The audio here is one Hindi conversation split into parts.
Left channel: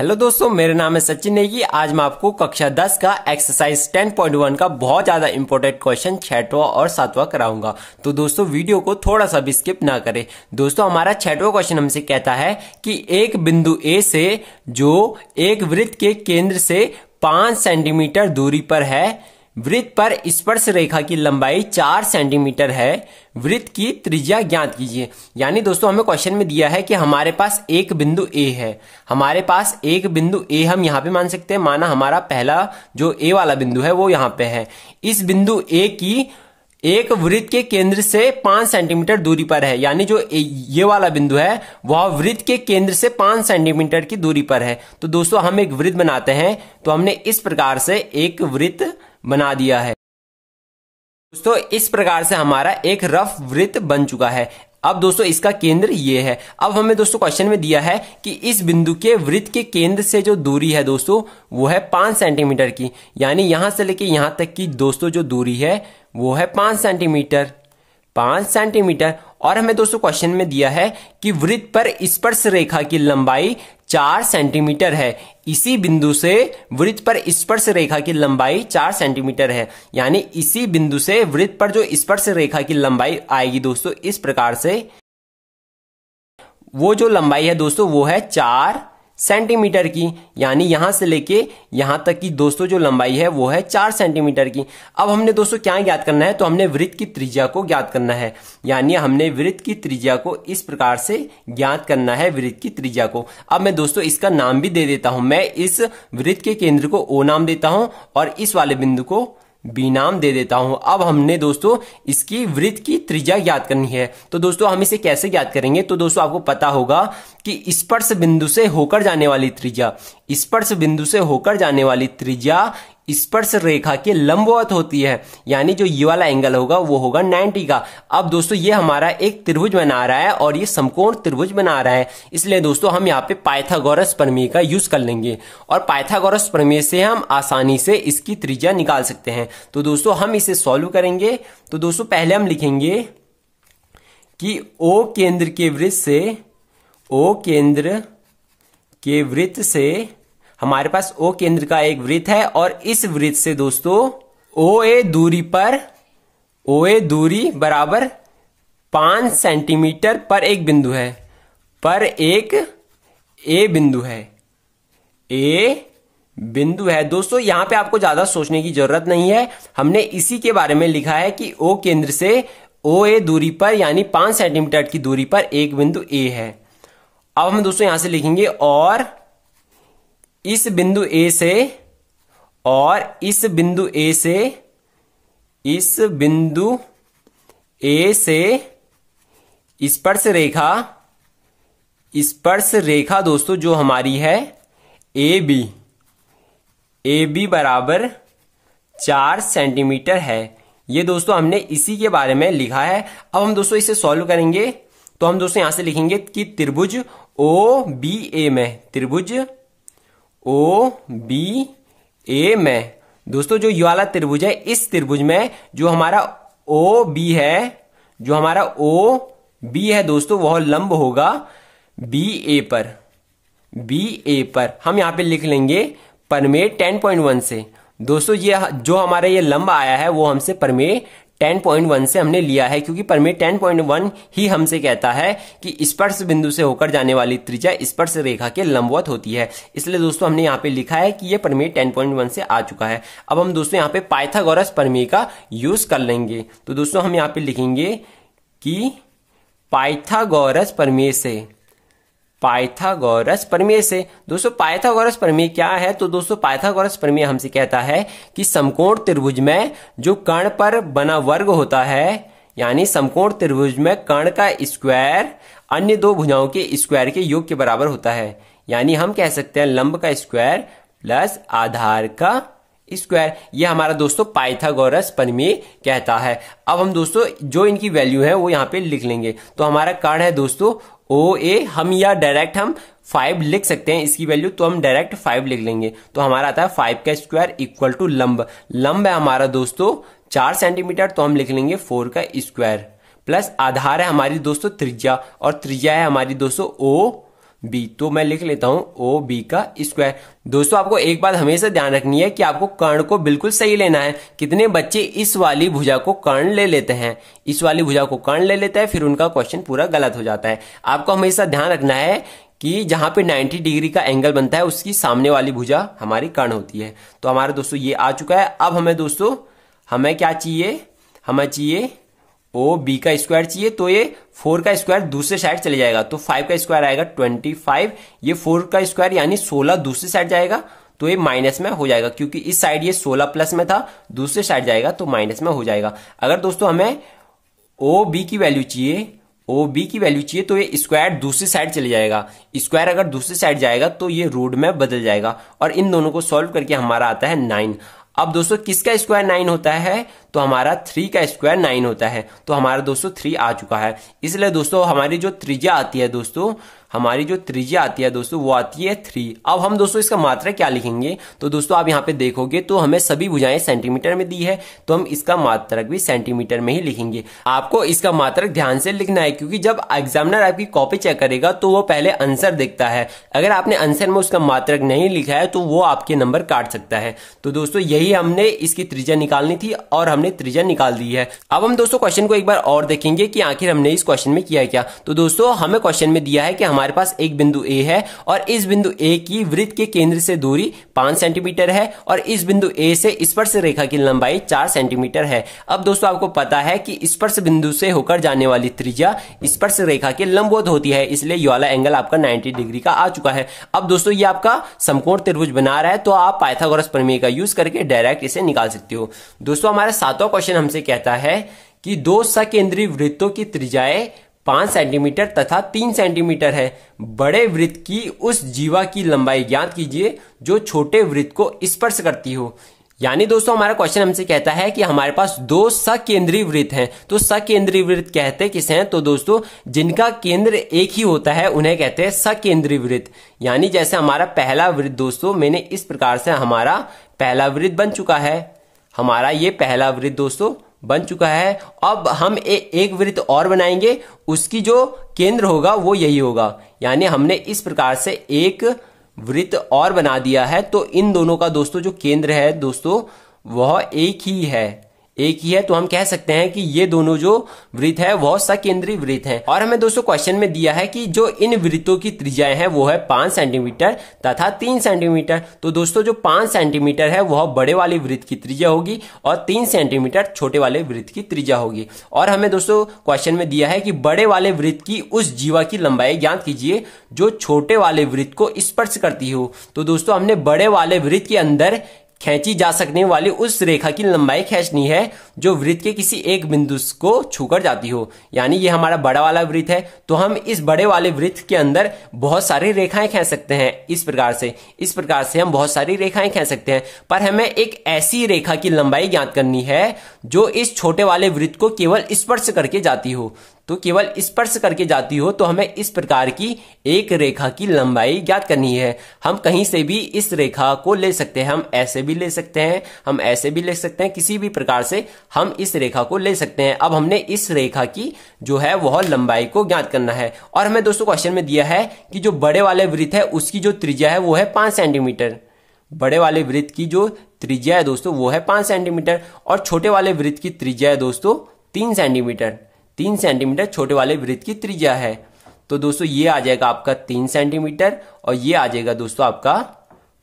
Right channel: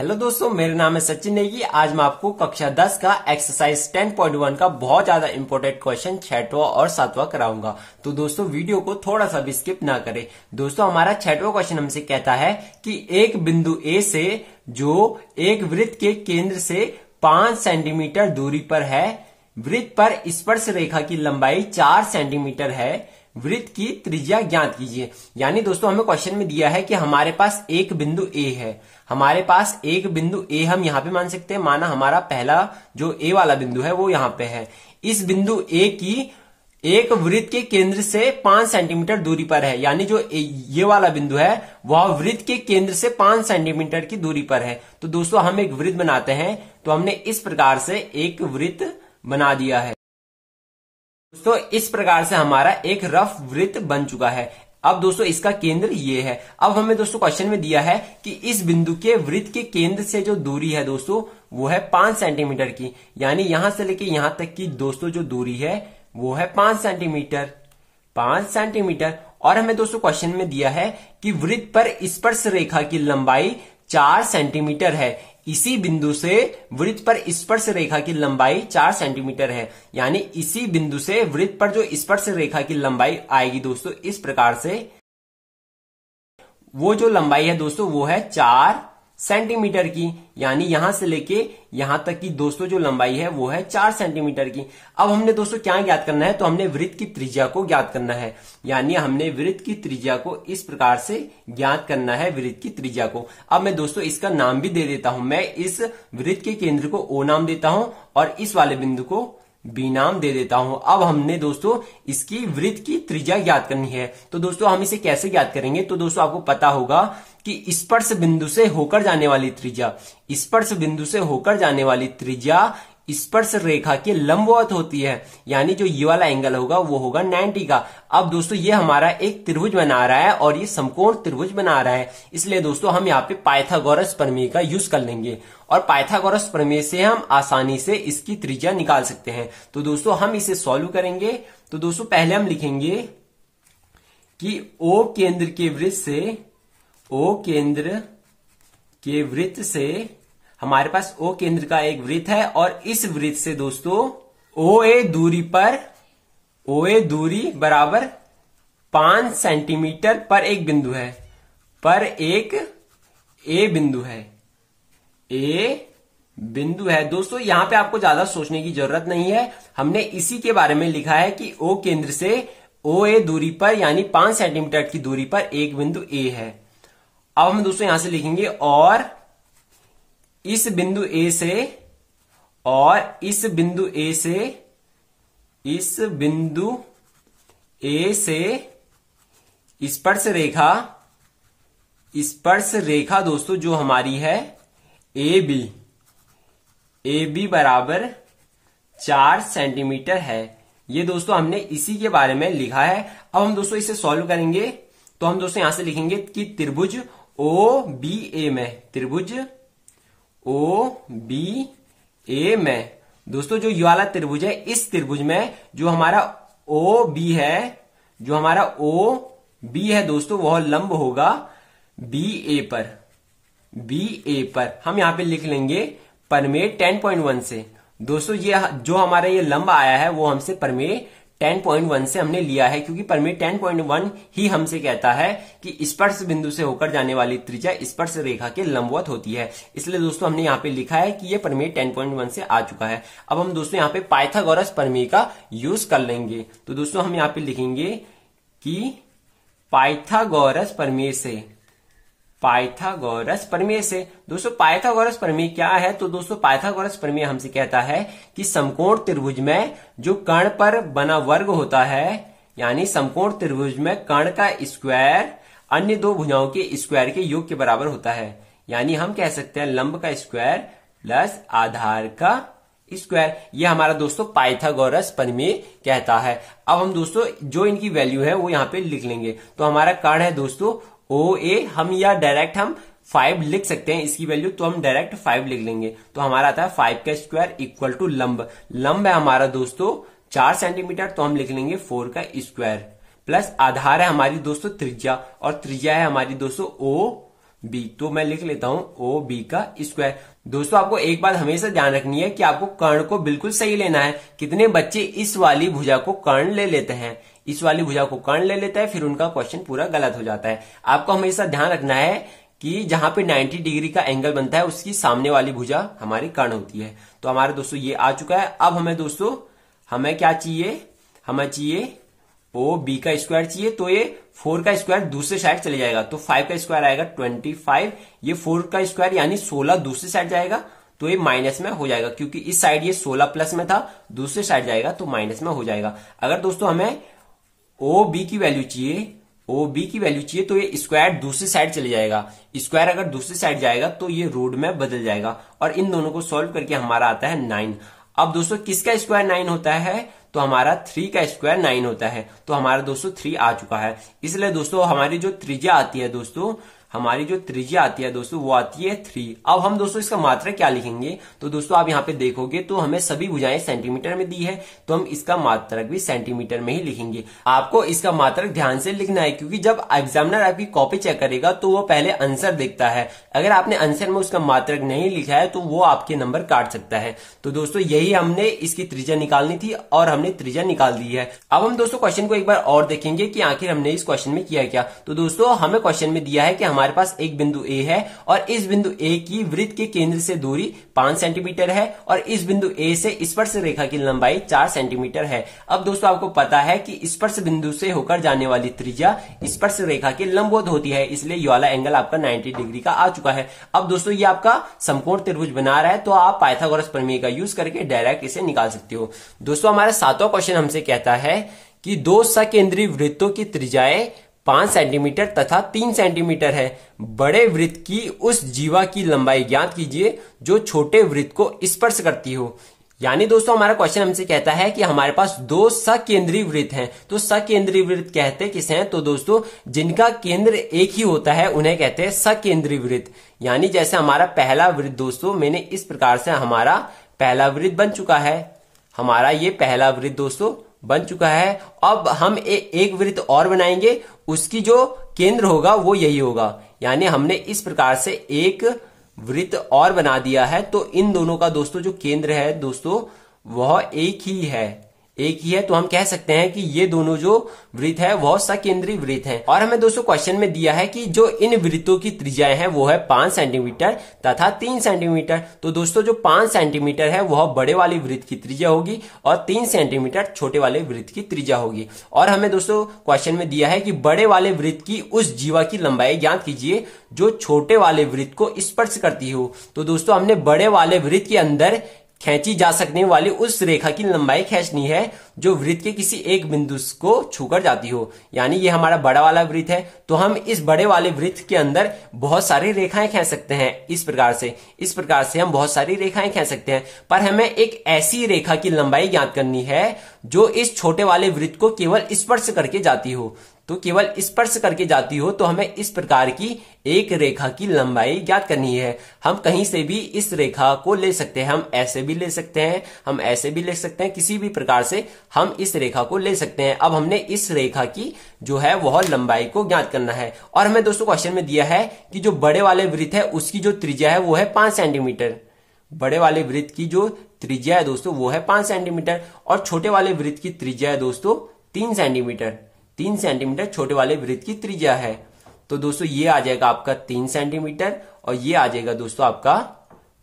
हेलो दोस्तों, मेरा नाम है सचिन नेगी। आज मैं आपको कक्षा 10 का एक्सरसाइज 10.1 का बहुत ज्यादा इंपॉर्टेंट क्वेश्चन 6वां और 7वां कराऊंगा। तो दोस्तों वीडियो को थोड़ा सा भी स्किप ना करें। दोस्तों हमारा 6वां क्वेश्चन हमसे कहता है कि एक बिंदु ए से जो एक वृत्त के केंद्र से 5 सेंटीमीटर दूरी पर है, वृत्त पर स्पर्श रेखा की लंबाई 4 सेंटीमीटर है, वृत्त की त्रिज्या ज्ञात कीजिए। यानी दोस्तों हमें क्वेश्चन में दिया है कि हमारे पास एक बिंदु ए है, हमारे पास एक बिंदु ए हम यहां पे मान सकते हैं, माना हमारा पहला जो ए वाला बिंदु है वो यहां पे है। इस बिंदु ए की एक वृत्त के केंद्र से 5 सेंटीमीटर दूरी पर है, यानी जो ये वाला बिंदु है वह वृत्त के केंद्र से 5 सेंटीमीटर की दूरी पर है। तो दोस्तों हम एक वृत्त बनाते हैं, तो हमने इस प्रकार से एक वृत्त बना दिया है। दोस्तों इस प्रकार से हमारा एक रफ वृत्त बन चुका है। अब दोस्तों इसका केंद्र ये है। अब हमें दोस्तों क्वेश्चन में दिया है कि इस बिंदु के वृत्त के केंद्र से जो दूरी है दोस्तों वो है 5 सेंटीमीटर की, यानी यहां से लेके यहां तक की दोस्तों जो दूरी है वो है 5 सेंटीमीटर। 5 सेंटीमीटर। और हमें दोस्तों क्वेश्चन में दिया है कि वृत्त पर स्पर्श रेखा की लंबाई 4 सेंटीमीटर है। इसी बिंदु से वृत्त पर स्पर्श रेखा की लंबाई 4 सेंटीमीटर है, यानी इसी बिंदु से वृत्त पर जो स्पर्श रेखा की लंबाई आएगी दोस्तों इस प्रकार से, वो जो लंबाई है दोस्तों वो है 4 सेंटीमीटर की, यानी यहां से लेके यहां तक की दोस्तों जो लंबाई है वो है 4 सेंटीमीटर की। अब हमने दोस्तों क्या ज्ञात करना है, तो हमने वृत्त की त्रिज्या को ज्ञात करना है, यानी हमने वृत्त की त्रिज्या को इस प्रकार से ज्ञात करना है, वृत्त की त्रिज्या को। अब मैं दोस्तों इसका नाम भी दे देता हूं, मैं इस वृत्त के केंद्र को ओ नाम देता हूं और इस वाले बिंदु को बी नाम दे देता हूं। अब हमने दोस्तों इसकी वृत्त की त्रिज्या ज्ञात करनी है। तो दोस्तों हम इसे कैसे ज्ञात करेंगे, तो दोस्तों आपको पता होगा कि स्पर्श बिंदु से होकर जाने वाली त्रिज्या, स्पर्श बिंदु से होकर जाने वाली त्रिज्या स्पर्श रेखा के लंबवत होती है, यानी जो ये वाला एंगल होगा वो होगा 90 का। अब दोस्तों ये हमारा एक त्रिभुज बना रहा है और ये समकोण त्रिभुज बना रहा है, इसलिए दोस्तों हम यहाँ पे पाइथागोरस प्रमेय का यूज कर लेंगे और पाइथागोरस प्रमेय से हम आसानी से इसकी त्रिज्या निकाल सकते हैं। तो दोस्तों हम इसे सॉल्व करेंगे। तो दोस्तों पहले हम लिखेंगे कि ओ केंद्र के वृत्त से हमारे पास ओ केंद्र का एक वृत्त है और इस वृत्त से दोस्तों ओ ए दूरी बराबर 5 सेंटीमीटर पर एक बिंदु है, पर एक ए बिंदु है दोस्तों। यहां पे आपको ज्यादा सोचने की जरूरत नहीं है, हमने इसी के बारे में लिखा है कि ओ केंद्र से ओ ए दूरी पर यानी 5 सेंटीमीटर की दूरी पर एक बिंदु ए है। अब हम दोस्तों यहां से लिखेंगे और इस बिंदु ए से स्पर्श रेखा दोस्तों जो हमारी है ए बी बराबर 4 सेंटीमीटर है। ये दोस्तों हमने इसी के बारे में लिखा है। अब हम दोस्तों इसे सॉल्व करेंगे, तो हम दोस्तों यहां से लिखेंगे कि त्रिभुज ओ बी ए में दोस्तों जो ये वाला त्रिभुज है, इस त्रिभुज में जो हमारा ओ बी है दोस्तों वह लंब होगा बी ए पर। हम यहां पे लिख लेंगे प्रमेय 10.1 से। दोस्तों ये जो हमारा ये लंब आया है वो हमसे प्रमेय 10.1 से हमने लिया है, क्योंकि प्रमेय 10.1 ही हमसे कहता है कि स्पर्श बिंदु से होकर जाने वाली त्रिज्या स्पर्श रेखा के लंबवत होती है, इसलिए दोस्तों हमने यहाँ पे लिखा है कि ये प्रमेय 10.1 से आ चुका है। अब हम दोस्तों यहाँ पे पाइथागोरस प्रमेय का यूज कर लेंगे। तो दोस्तों हम यहाँ पे लिखेंगे कि पाइथागोरस प्रमेय से दोस्तों पाइथागोरस प्रमेय क्या है, तो दोस्तों पाइथागोरस प्रमेय हमसे कहता है कि समकोण त्रिभुज में जो कर्ण पर बना वर्ग होता है, यानी समकोण त्रिभुज में कर्ण का स्क्वायर अन्य दो भुजाओं के स्क्वायर के योग के बराबर होता है, यानी हम कह सकते हैं लंब का स्क्वायर प्लस आधार का स्क्वायर। ये हमारा दोस्तों पाइथागोरस प्रमेय कहता है। अब हम दोस्तों जो इनकी वैल्यू है वो यहाँ पे लिख लेंगे। तो हमारा कर्ण है दोस्तों ओ ए, हम या डायरेक्ट हम 5 लिख सकते हैं इसकी वैल्यू, तो हम डायरेक्ट 5 लिख लेंगे। तो हमारा आता है 5 का स्क्वायर इक्वल टू लंब है हमारा दोस्तों 4 सेंटीमीटर, तो हम लिख लेंगे 4 का स्क्वायर प्लस आधार है हमारी दोस्तों त्रिज्या, और त्रिज्या है हमारी दोस्तों ओ, बी। तो मैं लिख लेता हूं ओ बी का स्क्वायर। दोस्तों आपको एक बात हमेशा ध्यान रखनी है कि आपको कर्ण को बिल्कुल सही लेना है। कितने बच्चे इस वाली भुजा को कर्ण ले लेते हैं, इस वाली भुजा को कर्ण ले लेते हैं, फिर उनका क्वेश्चन पूरा गलत हो जाता है। आपको हमेशा ध्यान रखना है कि जहां पे 90 डिग्री का एंगल बनता है उसकी सामने वाली भुजा हमारी कर्ण होती है। तो हमारा दोस्तों ये आ चुका है। अब हमें दोस्तों हमें क्या चाहिए, हमें चाहिए ओ बी का स्क्वायर चाहिए। तो ये 4 का स्क्वायर दूसरे साइड चले जाएगा, तो 5 का स्क्वायर आएगा 25, ये 4 का स्क्वायर यानी 16 दूसरी साइड जाएगा, तो ये माइनस में हो जाएगा, क्योंकि इस साइड ये 16 प्लस में था, दूसरे साइड जाएगा तो माइनस में हो जाएगा। अगर दोस्तों हमें ओ बी की वैल्यू चाहिए, ओ बी की वैल्यू चाहिए, तो ये स्क्वायर दूसरी साइड चले जाएगा। स्क्वायर अगर दूसरी साइड जाएगा तो ये रूट में बदल जाएगा, और इन दोनों को सॉल्व करके हमारा आता है 9। अब दोस्तों किसका स्क्वायर 9 होता है, तो हमारा 3 का स्क्वायर 9 होता है। तो हमारा दोस्तों 3 आ चुका है। इसलिए दोस्तों हमारी जो त्रिज्या आती है दोस्तों, हमारी जो त्रिज्या आती है दोस्तों वो आती है 3। अब हम दोस्तों इसका मात्रक क्या लिखेंगे, तो दोस्तों आप यहाँ पे देखोगे तो हमें सभी भुजाएं सेंटीमीटर में दी है, तो हम इसका मात्रक भी सेंटीमीटर में ही लिखेंगे। आपको इसका मात्रक ध्यान से लिखना है, क्योंकि जब एग्जामिनर आपकी कॉपी चेक करेगा तो वो पहले आंसर देखता है। अगर आपने आंसर में उसका मात्रक नहीं लिखा है तो वो आपके नंबर काट सकता है। तो दोस्तों यही हमने इसकी त्रिज्या निकालनी थी और हमने त्रिज्या निकाल दी है। अब हम दोस्तों क्वेश्चन को एक बार और देखेंगे कि आखिर हमने इस क्वेश्चन में किया क्या। तो दोस्तों हमें क्वेश्चन में दिया है कि हमारे पास एक बिंदु ए है और इस बिंदु ए की वृत्त के केंद्र से दूरी 5 सेंटीमीटर है और इस बिंदु ए से स्पर्श रेखा की लंबाई 4 सेंटीमीटर है। अब दोस्तों आपको पता है कि स्पर्श बिंदु से होकर जाने वाली त्रिज्या स्पर्श रेखा के लंबवत होती है, इसलिए ये वाला एंगल आपका 90 डिग्री का आ चुका है। अब दोस्तों ये आपका समकोण त्रिभुज बना रहा है, तो आप पाइथागोरस प्रमेय का यूज करके डायरेक्ट इसे निकाल सकते हो। दोस्तों हमारा 7वां क्वेश्चन हमसे कहता है कि दो सकेंद्रीय वृत्तों की त्रिज्याएं 5 सेंटीमीटर तथा 3 सेंटीमीटर है। बड़े वृत्त की उस जीवा की लंबाई ज्ञात कीजिए जो छोटे वृत्त को स्पर्श करती हो। यानी दोस्तों हमारा क्वेश्चन हमसे कहता है कि हमारे पास दो सकेंद्रीय वृत्त हैं। तो सकेंद्रीय वृत्त कहते किसे हैं, तो दोस्तों जिनका केंद्र एक ही होता है उन्हें कहते हैं सकेंद्रीय वृत्त। यानी जैसे हमारा पहला वृत्त दोस्तों, मैंने इस प्रकार से हमारा पहला वृत्त बन चुका है, हमारा ये पहला वृत्त दोस्तों बन चुका है। अब हम एक वृत्त और बनाएंगे, उसकी जो केंद्र होगा वो यही होगा। यानी हमने इस प्रकार से एक वृत्त और बना दिया है, तो इन दोनों का दोस्तों जो केंद्र है दोस्तों वह एक ही है, एक ही है। तो हम कह सकते हैं कि ये दोनों जो वृत्त है वह सकेंद्रीय वृत्त है। और हमें दोस्तों क्वेश्चन में दिया है कि जो इन वृत्तों की त्रिज्याएं है वो है 5 सेंटीमीटर तथा 3 सेंटीमीटर। तो दोस्तों जो 5 सेंटीमीटर है वह बड़े वाले वृत्त की त्रिज्या होगी और 3 सेंटीमीटर छोटे वाले वृत्त की त्रिज्या होगी। और हमें दोस्तों क्वेश्चन में दिया है कि बड़े वाले वृत्त की उस जीवा की लंबाई ज्ञात कीजिए जो छोटे वाले वृत्त को स्पर्श करती हो। तो दोस्तों हमने बड़े वाले वृत्त के अंदर खींची जा सकने वाली उस रेखा की लंबाई खींचनी है जो वृत्त के किसी एक बिंदु को छूकर जाती हो। यानी ये हमारा बड़ा वाला वृत्त है, तो हम इस बड़े वाले वृत्त के अंदर बहुत सारी रेखाएं खींच सकते हैं। इस प्रकार से हम बहुत सारी रेखाएं खींच सकते हैं, पर हमें एक ऐसी रेखा की लंबाई ज्ञात करनी है जो इस छोटे वाले वृत्त को केवल स्पर्श करके जाती हो। तो केवल स्पर्श करके जाती हो, तो हमें इस प्रकार की एक रेखा की लंबाई ज्ञात करनी है। हम कहीं से भी इस रेखा को ले सकते हैं, हम ऐसे भी ले सकते हैं, हम ऐसे भी ले सकते हैं, किसी भी प्रकार से हम इस रेखा को ले सकते हैं। अब हमने इस रेखा की जो है वह लंबाई को ज्ञात करना है। और हमें दोस्तों क्वेश्चन में दिया है कि जो बड़े वाले वृत्त है उसकी जो त्रिज्या है वो है 5 सेंटीमीटर। बड़े वाले वृत्त की जो त्रिज्या है दोस्तों वो है 5 सेंटीमीटर और छोटे वाले वृत्त की त्रिज्या है दोस्तों 3 सेंटीमीटर। 3 सेंटीमीटर छोटे वाले वृत्त की त्रिज्या है। तो दोस्तों ये आ जाएगा आपका 3 सेंटीमीटर और ये आ जाएगा दोस्तों आपका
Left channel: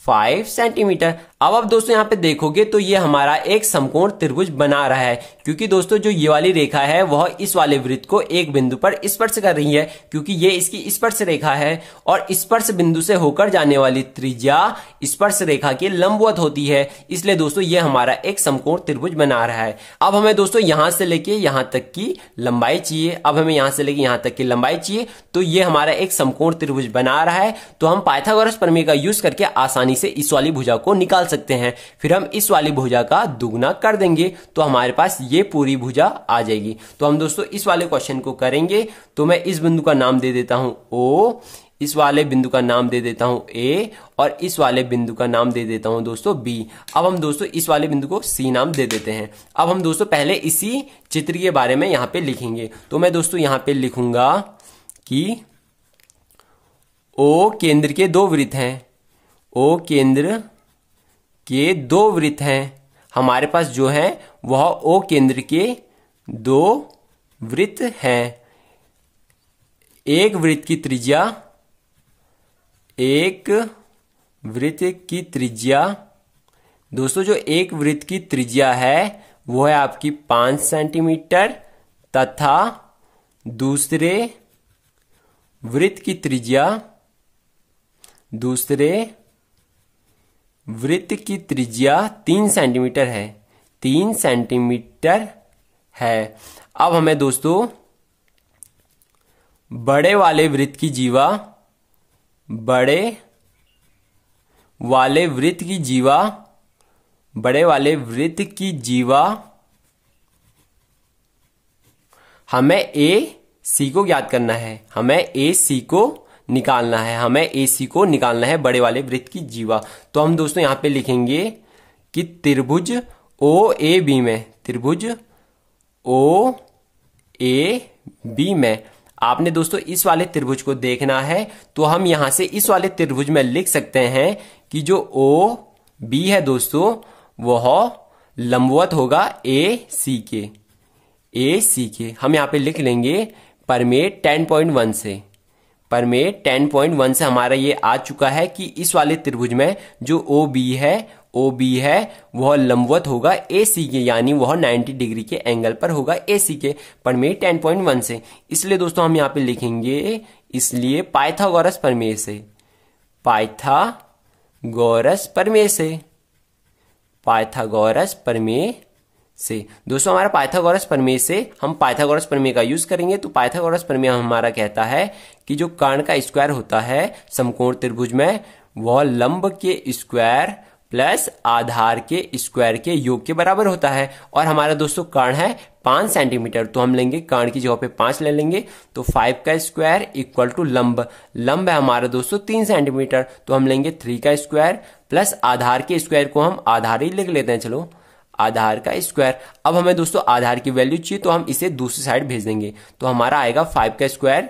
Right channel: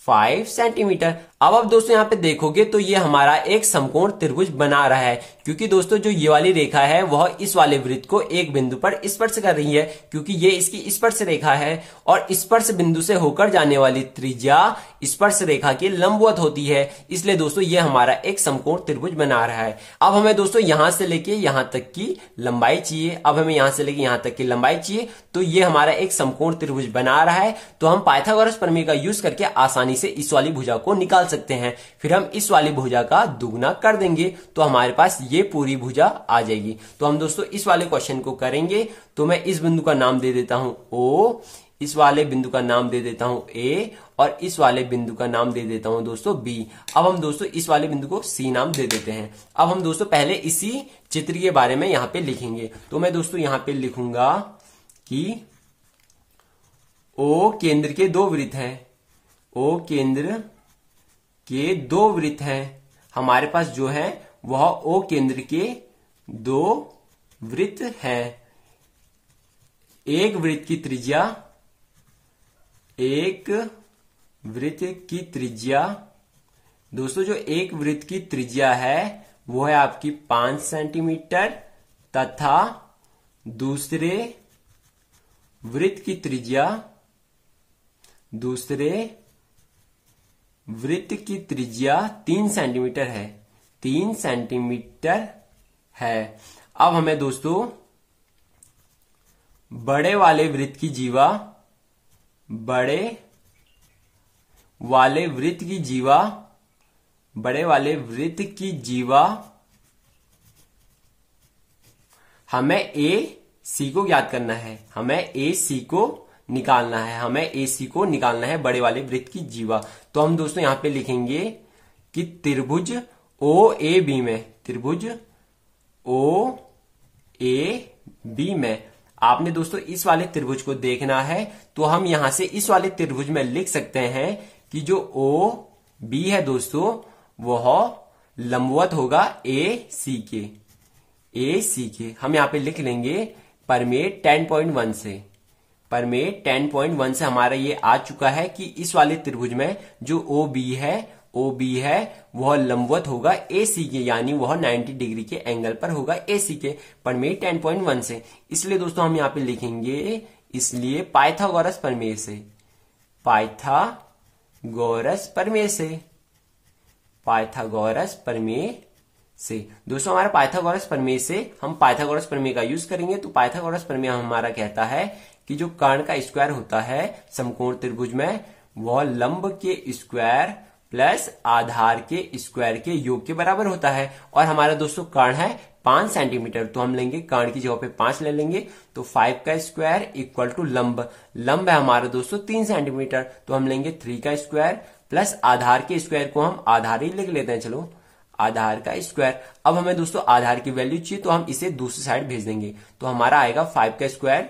5 सेंटीमीटर। अब दोस्तों यहाँ पे देखोगे तो ये हमारा एक समकोण त्रिभुज बना रहा है, क्योंकि दोस्तों जो ये वाली रेखा है वह इस वाले वृत्त को एक बिंदु पर स्पर्श कर रही है, क्योंकि ये इसकी स्पर्श रेखा है और स्पर्श बिंदु से होकर जाने वाली त्रिज्या स्पर्श रेखा के लंबवत होती है। इसलिए दोस्तों ये हमारा एक समकोण त्रिभुज बना रहा है। अब हमें दोस्तों यहां से लेके यहां तक की लंबाई चाहिए। अब हमें यहां से लेके यहां तक की लंबाई चाहिए, तो ये हमारा एक समकोण त्रिभुज बना रहा है। तो हम पाइथागोरस प्रमेय का यूज करके आसानी से इस वाली भुजा को निकाल सकते हैं। फिर हम इस वाली भुजा का दुगना कर देंगे तो हमारे पास ये पूरी भुजा आ जाएगी। तो हम दोस्तों इस वाले क्वेश्चन को करेंगे। तो मैं इस बिंदु का नाम दे देता हूं O, इस वाले बिंदु का नाम दे देता हूं A और इस वाले बिंदु का नाम दे देता हूं दोस्तों B। अब हम दोस्तों इस वाले बिंदु को C नाम दे देते हैं। अब हम दोस्तों पहले इसी चित्र के बारे में यहां पे लिखेंगे। तो मैं दोस्तों यहां पे लिखूंगा कि ओ केंद्र के दो वृत्त हैं, ओ केंद्र के दो वृत्त हैं। हमारे पास जो है वह ओ केंद्र के दो वृत्त हैं। एक वृत्त की त्रिज्या, एक वृत्त की त्रिज्या, दोस्तों जो एक वृत्त की त्रिज्या है वो है आपकी 5 सेंटीमीटर तथा दूसरे वृत्त की त्रिज्या, दूसरे वृत्त की त्रिज्या 3 सेंटीमीटर है, 3 सेंटीमीटर है। अब हमें दोस्तों बड़े वाले वृत्त की जीवा, बड़े वाले वृत्त की जीवा, बड़े वाले वृत्त की जीवा हमें ए सी को ज्ञात करना है, हमें ए सी को निकालना है, हमें ए सी को निकालना है बड़े वाले वृत्त की जीवा। तो हम दोस्तों यहां पे लिखेंगे कि त्रिभुज ओ ए बी में, त्रिभुज ओ ए बी में आपने दोस्तों इस वाले त्रिभुज को देखना है, तो हम यहां से इस वाले त्रिभुज में लिख सकते हैं कि जो ओ बी है दोस्तों वह लंबवत होगा ए सी के, ए सी के। हम यहां पे लिख लेंगे परमेय 10.1 से, परमेय 10.1 से हमारा ये आ चुका है कि इस वाले त्रिभुज में जो ओ बी है, ओ बी है वह लंबवत होगा ए सी के, यानी वह 90 डिग्री के एंगल पर होगा ए सी के, परमेय 10.1 से। इसलिए दोस्तों हम यहां पे लिखेंगे, इसलिए पाइथागोरस प्रमेय से, पाइथागोरस प्रमेय से, पाइथागोरस प्रमेय से। दोस्तों हमारा पाइथागोरस प्रमेय से हम पाइथागोरस प्रमेय का यूज करेंगे। तो पाइथागोरस प्रमेय हमारा कहता है कि जो कर्ण का स्क्वायर होता है समकोण त्रिभुज में, वह लंब के स्क्वायर प्लस आधार के स्क्वायर के योग के बराबर होता है। और हमारा दोस्तों कर्ण है 5 सेंटीमीटर, तो हम लेंगे कर्ण की जगह पे 5 ले लेंगे, तो 5 का स्क्वायर इक्वल टू लंब, लंब है हमारा दोस्तों 3 सेंटीमीटर, तो हम लेंगे 3 का स्क्वायर प्लस आधार के स्क्वायर को हम आधार ही लिख लेते हैं, चलो आधार का स्क्वायर। अब हमें दोस्तों आधार की वैल्यू चाहिए, तो हम इसे दूसरी साइड भेज देंगे, तो हमारा आएगा 5 का स्क्वायर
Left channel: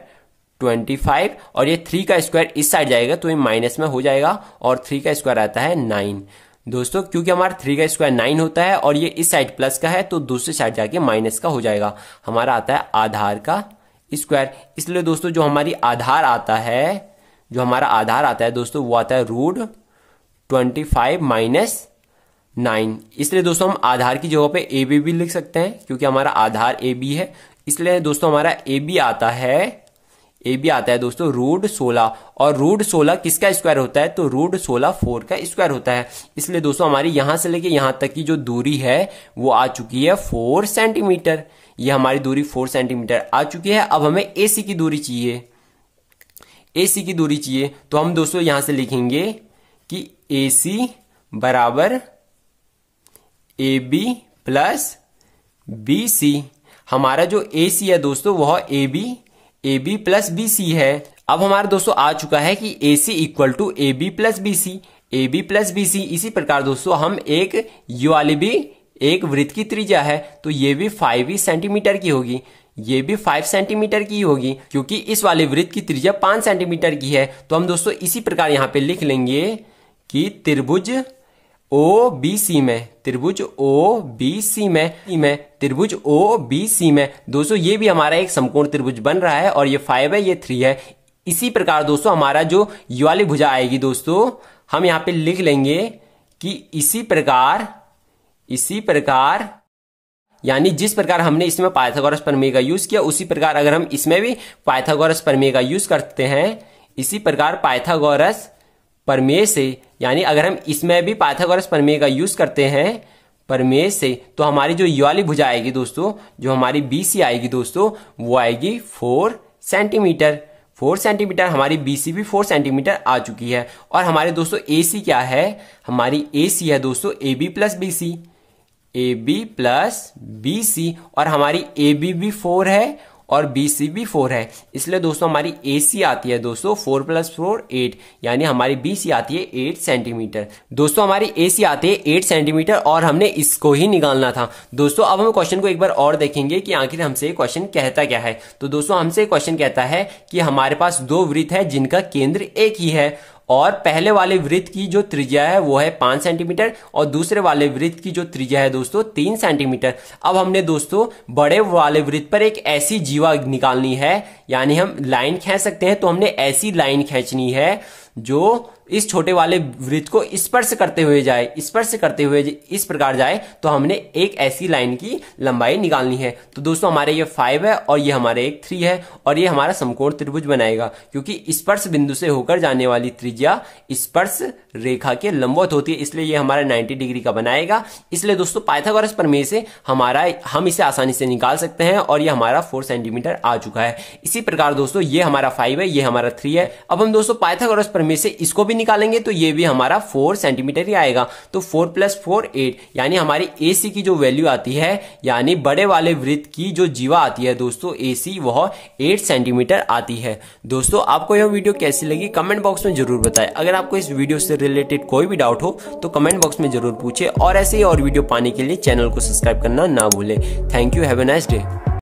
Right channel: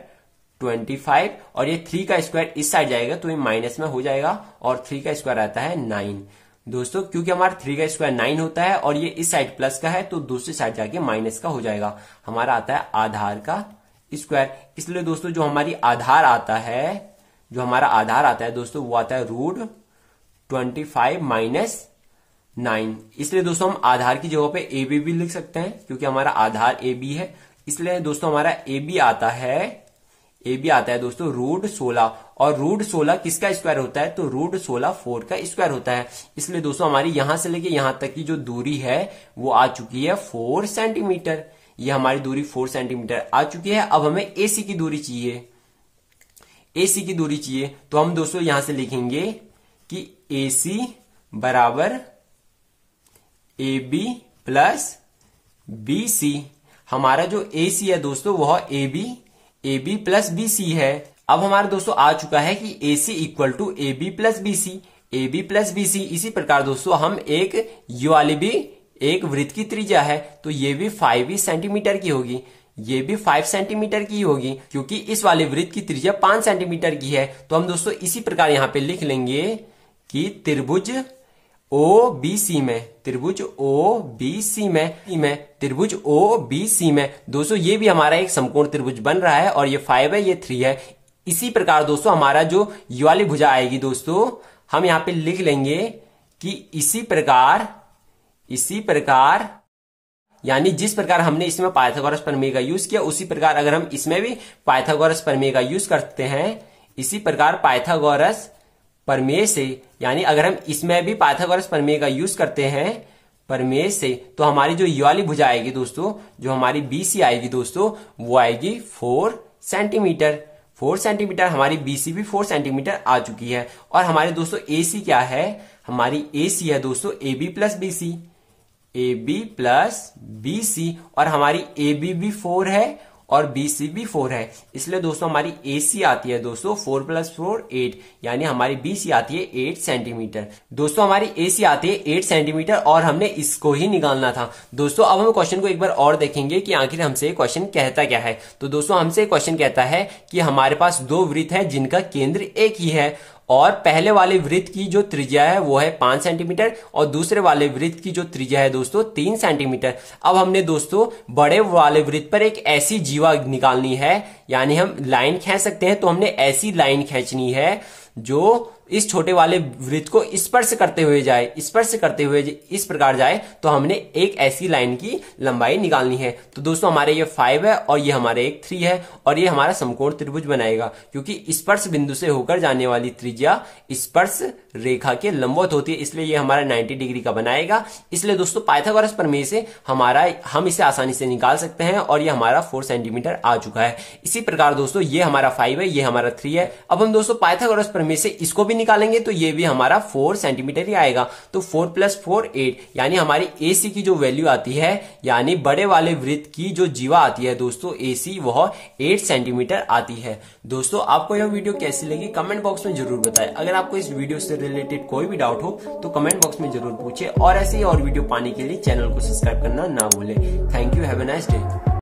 25 और ये 3 का स्क्वायर इस साइड जाएगा तो ये माइनस में हो जाएगा, और 3 का स्क्वायर आता है 9। दोस्तों क्योंकि हमारा 3 का स्क्वायर 9 होता है और ये इस साइड प्लस का है, तो दूसरी साइड जाके माइनस का हो जाएगा। हमारा आता है आधार का स्क्वायर। इसलिए दोस्तों जो हमारी आधार आता है, जो हमारा आधार आता है दोस्तों वो आता है √25 माइनस 9। इसलिए दोस्तों हम आधार की जगह पे ए बी भी लिख सकते हैं, क्योंकि हमारा आधार ए बी है। इसलिए दोस्तों हमारा ए बी आता है दोस्तों √16, और √16 किसका स्क्वायर होता है, तो √16 4 का स्क्वायर होता है। इसलिए दोस्तों हमारी यहां से लेके यहां तक की जो दूरी है वो आ चुकी है 4 सेंटीमीटर। ये हमारी दूरी 4 सेंटीमीटर आ चुकी है। अब हमें एसी की दूरी चाहिए, एसी की दूरी चाहिए, तो हम दोस्तों यहां से लिखेंगे कि AC बराबर AB प्लस BC। हमारा जो AC है दोस्तों वह AB प्लस BC है। अब हमारे दोस्तों आ चुका है कि AC equal to AB plus BC, AB plus BC। इसी प्रकार दोस्तों हम एक ये वाली भी एक वृत्त की त्रिज्या है, तो ये भी 5 सेंटीमीटर की होगी, ये भी 5 सेंटीमीटर की होगी, क्योंकि इस वाले वृत्त की त्रिज्या 5 सेंटीमीटर की है। तो हम दोस्तों इसी प्रकार यहां पे लिख लेंगे कि त्रिभुज OBC में, त्रिभुज OBC में, त्रिभुज OBC में दोस्तों ये भी हमारा एक समकोण त्रिभुज बन रहा है, और ये 5 है, ये 3 है। इसी प्रकार दोस्तों हमारा जो ये वाली भुजा आएगी दोस्तों, हम यहां पे लिख लेंगे कि इसी प्रकार यानी जिस प्रकार हमने इसमें पाइथागोरस प्रमेय का यूज किया, उसी प्रकार अगर हम इसमें भी पाइथागोरस प्रमेय का यूज करते हैं, इसी प्रकार पाइथागोरस प्रमेय से, यानी अगर हम इसमें भी पाइथागोरस प्रमेय का यूज करते हैं प्रमेय से, तो हमारी जो ये वाली भुजा आएगी दोस्तों, जो हमारी BC आएगी दोस्तों, वो आएगी 4 सेंटीमीटर। 4 सेंटीमीटर हमारी BC भी 4 सेंटीमीटर आ चुकी है। और हमारे दोस्तों AC क्या है, हमारी AC है दोस्तों AB प्लस BC, और हमारी AB भी 4 है और BC भी 4 है, इसलिए दोस्तों हमारी AC आती है दोस्तों 4 + 4 8, यानी हमारी BC आती है 8 सेंटीमीटर। दोस्तों हमारी AC आती है 8 सेंटीमीटर और हमने इसको ही निकालना था। दोस्तों अब हम क्वेश्चन को एक बार और देखेंगे कि आखिर हमसे क्वेश्चन कहता क्या है। तो दोस्तों हमसे क्वेश्चन कहता है कि हमारे पास दो वृत्त है जिनका केंद्र एक ही है और पहले वाले वृत्त की जो त्रिज्या है वो है 5 सेंटीमीटर और दूसरे वाले वृत्त की जो त्रिज्या है दोस्तों 3 सेंटीमीटर। अब हमने दोस्तों बड़े वाले वृत्त पर एक ऐसी जीवा निकालनी है, यानी हम लाइन खींच सकते हैं, तो हमने ऐसी लाइन खींचनी है जो इस छोटे वाले वृत्त को स्पर्श करते हुए जाए, स्पर्श करते हुए इस प्रकार जाए, तो हमने एक ऐसी लाइन की लंबाई निकालनी है। तो दोस्तों हमारे ये 5 है और ये हमारे एक 3 है और ये हमारा समकोण त्रिभुज बनाएगा, क्योंकि स्पर्श बिंदु से होकर जाने वाली त्रिज्या स्पर्श रेखा के लंबवत होती है, इसलिए ये हमारा 90 डिग्री का बनाएगा। इसलिए दोस्तों पाइथागोरस प्रमेय से हम इसे आसानी से निकाल सकते हैं और ये हमारा 4 सेंटीमीटर आ चुका है। इसी प्रकार दोस्तों ये हमारा 5 है, ये हमारा 3 है। अब हम दोस्तों पाइथागोरस प्रमेय से इसको भी निकालेंगे तो ये भी हमारा 4 सेंटीमीटर ही आएगा। तो 4 + 4 8, यानी हमारी AC की जो वैल्यू आती है, यानी बड़े वाले वृत्त की जो जीवा आती है दोस्तों AC, वह 8 सेंटीमीटर आती है। दोस्तों आपको यह वीडियो कैसी लगी कमेंट बॉक्स में जरूर बताएं। अगर आपको इस वीडियो से रिलेटेड कोई भी डाउट हो तो कमेंट बॉक्स में जरूर पूछे और ऐसे ही और वीडियो पाने के लिए चैनल को सब्सक्राइब करना ना भूलें। Thank you, have a nice day.